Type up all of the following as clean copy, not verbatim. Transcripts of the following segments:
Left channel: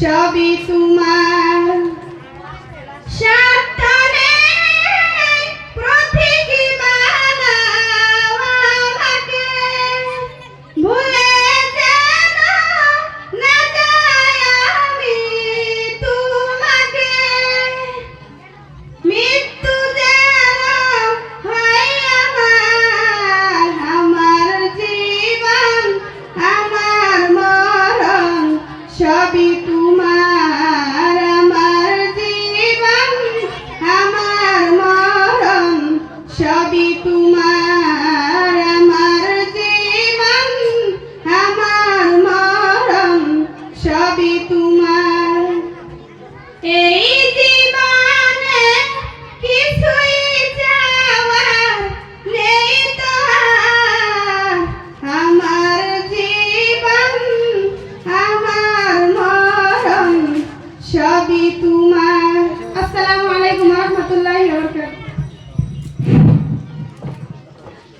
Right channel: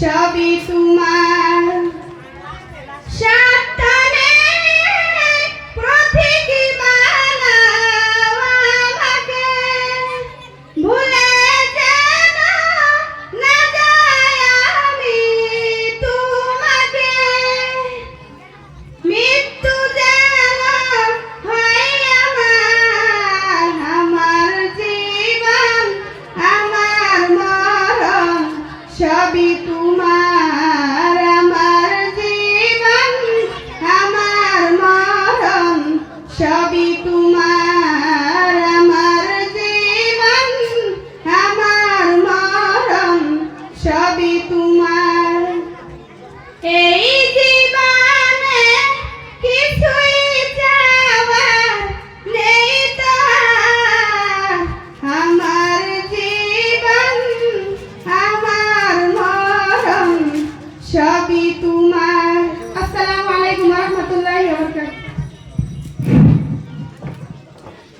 সবই তোমার সাতনে প্রতীকী বানাও আমাকে ভুলে যেন না যাই আমি তোমাকে মৃত্যু যেন হয় আমার জীবন আমার মরণ সবই তোমার আমার জীবন আমার মরণ সবই তোমার আমার জীবন আমার মরণ সবই তোমার এই জীবনে কিছুই চাওয়ার নেই তো আর আমার জীবন আমার মরণ সবই তোমার। আসসালামু আলাইকুম ওয়া রাহমাতুল্লাহি ওয়া বারাকাতুহু।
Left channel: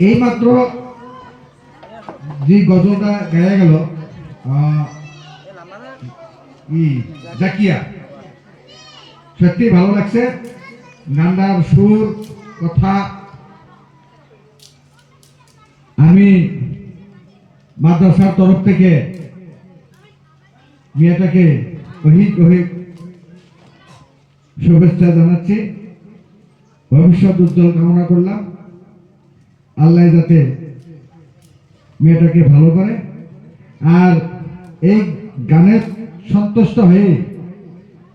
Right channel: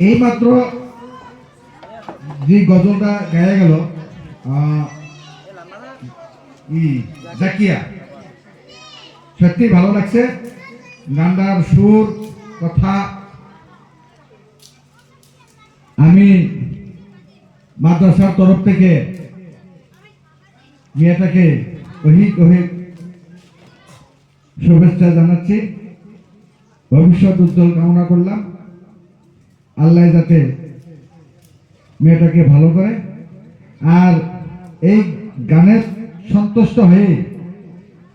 এইমাত্র যে গজলটা গায়া গেল জাকিয়া, সত্যি ভালো লাগছে। গানটার সুর কথা আমি মাদ্রাসার তরফ থেকে মেয়েটাকে অধিক অধিক শুভেচ্ছা জানাচ্ছি, ভবিষ্যৎ উজ্জ্বল কামনা করলাম। আল্লাহ যাতে মেয়েটাকে ভালো করে। আর এই গানের সন্তুষ্ট হয়ে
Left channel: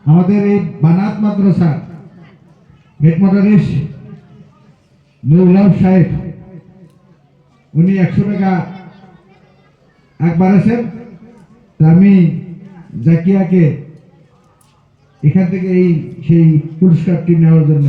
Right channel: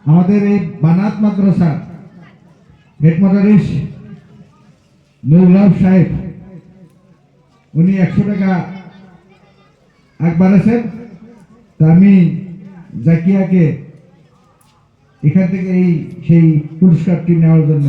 আমাদের এই বানাত মাদ্রাসা হেড মাদারিস নুরুল্লাহ সাহেব উনি 100 টাকা বাড়াছেন। তা আমি জাকিয়াকে এখান থেকে সেই পুরস্কারটি নেওয়ার জন্য